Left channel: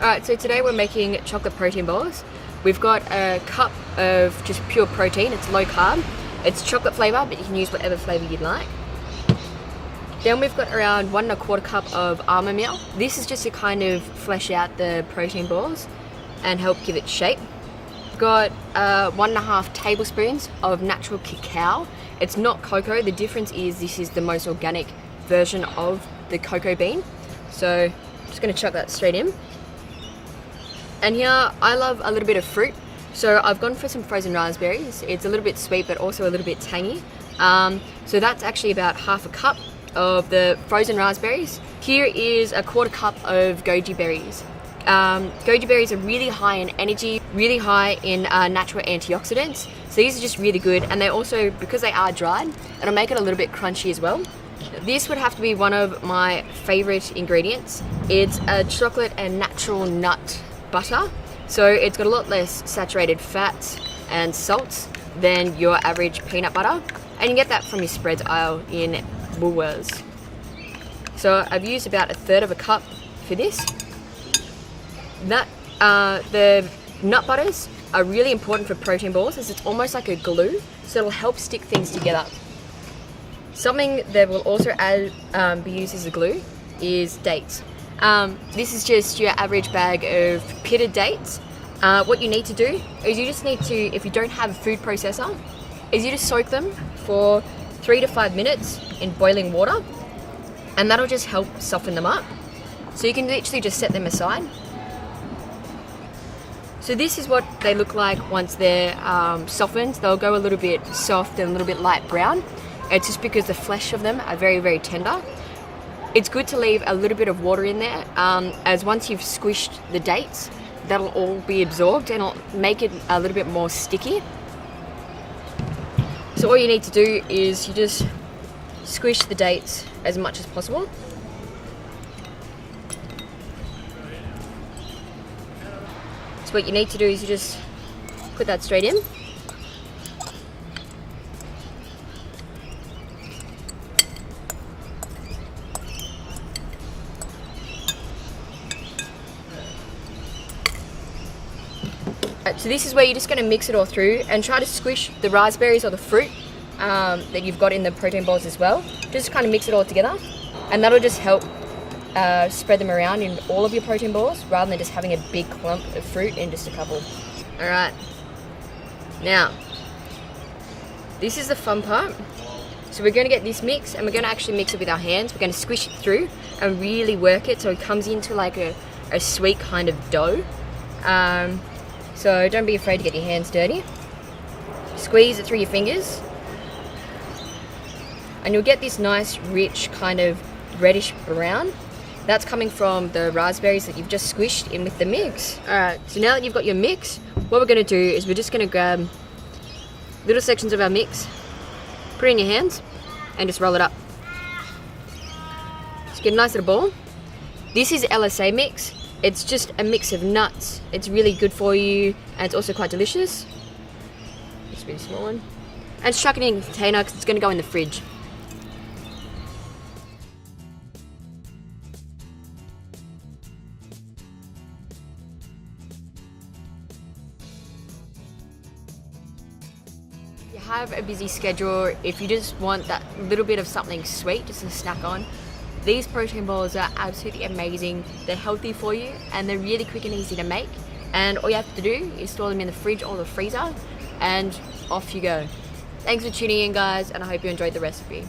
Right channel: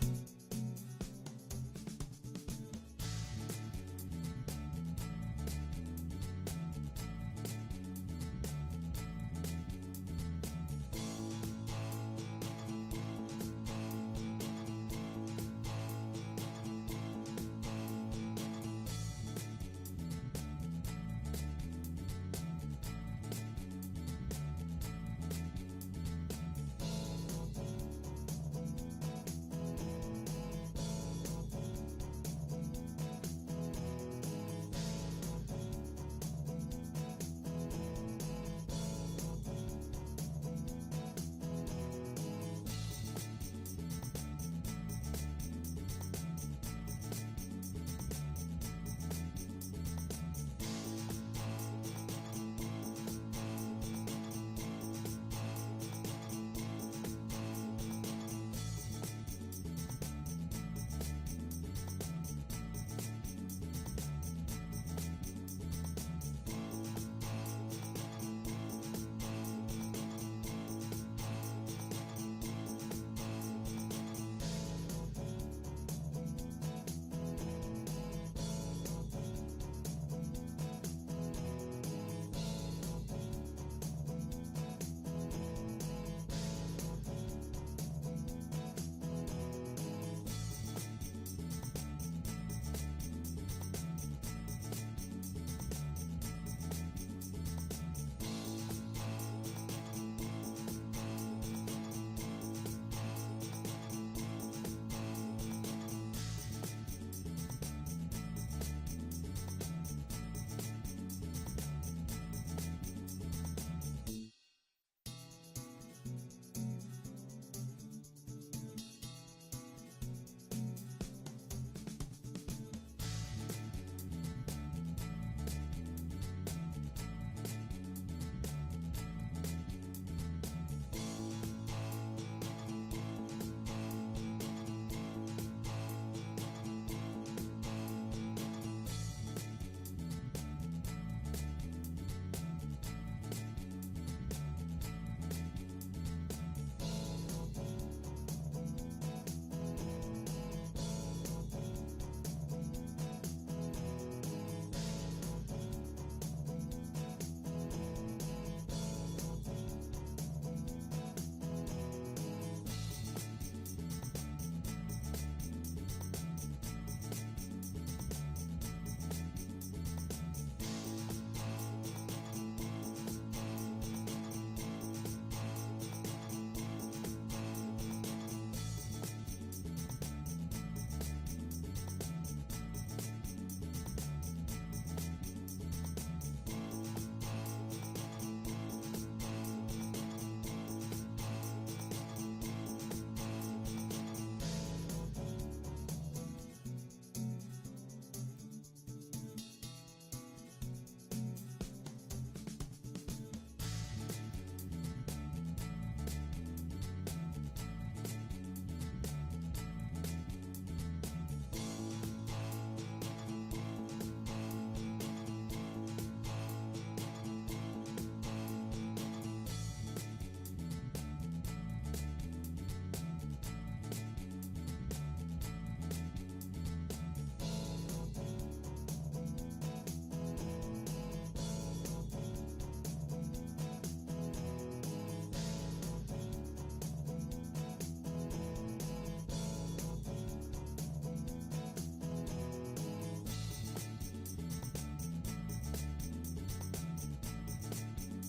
Alright, so today we're making chocolate protein balls. We've got a cup of just pure protein, it's low carb. It's chocolate flavour, but you can use whatever flavour you'd like. Then we've got around 1¼ cup of almond meal. This is just to kind of flesh out the protein balls and help give it shape. Got 1½ tablespoons of natural cacao. It's not cocoa, the difference is this is the most organic version of the cocoa bean. So I'm just going to chuck that straight in. And here I love a little bit of fruit. So I've gone for some frozen raspberries. It's a little bit sweet but also a little bit tangy. So that's actually about ½ cup of the frozen raspberries. Here is 1/4 cup of goji berries. Goji berries are really high in energy, really high in natural antioxidants. So these are just really good, and they also, because they are dried, it'll make it a little bit crunchy as well. This would have to be one of my favorite ingredients. It's a chocolate and natural nut butter. So it's got a lot less saturated fats and salts than your average peanut butter. And you get that from your spreads aisle in Woolworths. So I've used about 1/3 cup for this. The nut butters are really important for protein balls as it's almost like a glue, so it'll help stick things together. Something that will also be used as a glue is dates. This is just your average bag of pitted dates. What you need to do is you just need to, if you don't have a food processor, is you just soak them for 3 to 5 minutes in boiling water, and that'll just help soften them up. So you can literally just set them aside. So this is what they look like once they're softened. They'll go a little bit soft and a little bit light brown. It's just because the flesh of them are very, very tender. It's good to leave a little bit of water in there, as once you've squished the dates, that'll all be absorbed and it'll make it a little bit more sticky. So all you need to do is you just squish the dates as much as possible. So what you need to do is you just put that straight in. So this is where you're just going to mix it all through and try to squish the raspberries or the fruit that you've got in the protein balls as well. Just kind of mix it all together, and that'll just help spread them around in all of your protein balls rather than just having a big clump of fruit in just a couple. Alright, now this is the fun part. So we're going to get this mix and we're going to actually mix it with our hands. We're going to squish it through and really work it so it comes into like a sweet kind of dough. So don't be afraid to get your hands dirty. Squeeze it through your fingers and you'll get this nice rich kind of reddish brown. That's coming from the raspberries that you've just squished in with the mix. Alright, so now that you've got your mix, what we're going to do is we're just going to grab little sections of our mix, put it in your hands and just roll it up. Just get a nice little ball. This is LSA mix. It's just a mix of nuts. It's really good for you and it's also quite delicious. Just a really small one. And just chuck it in a container because it's going to go in the fridge. If you have a busy schedule, if you just want that little bit of something sweet just to snack on, these protein balls are absolutely amazing. They're healthy for you and they're really quick and easy to make. And all you have to do is store them in the fridge or the freezer and off you go. Thanks for tuning in, guys, and I hope you enjoyed the recipe.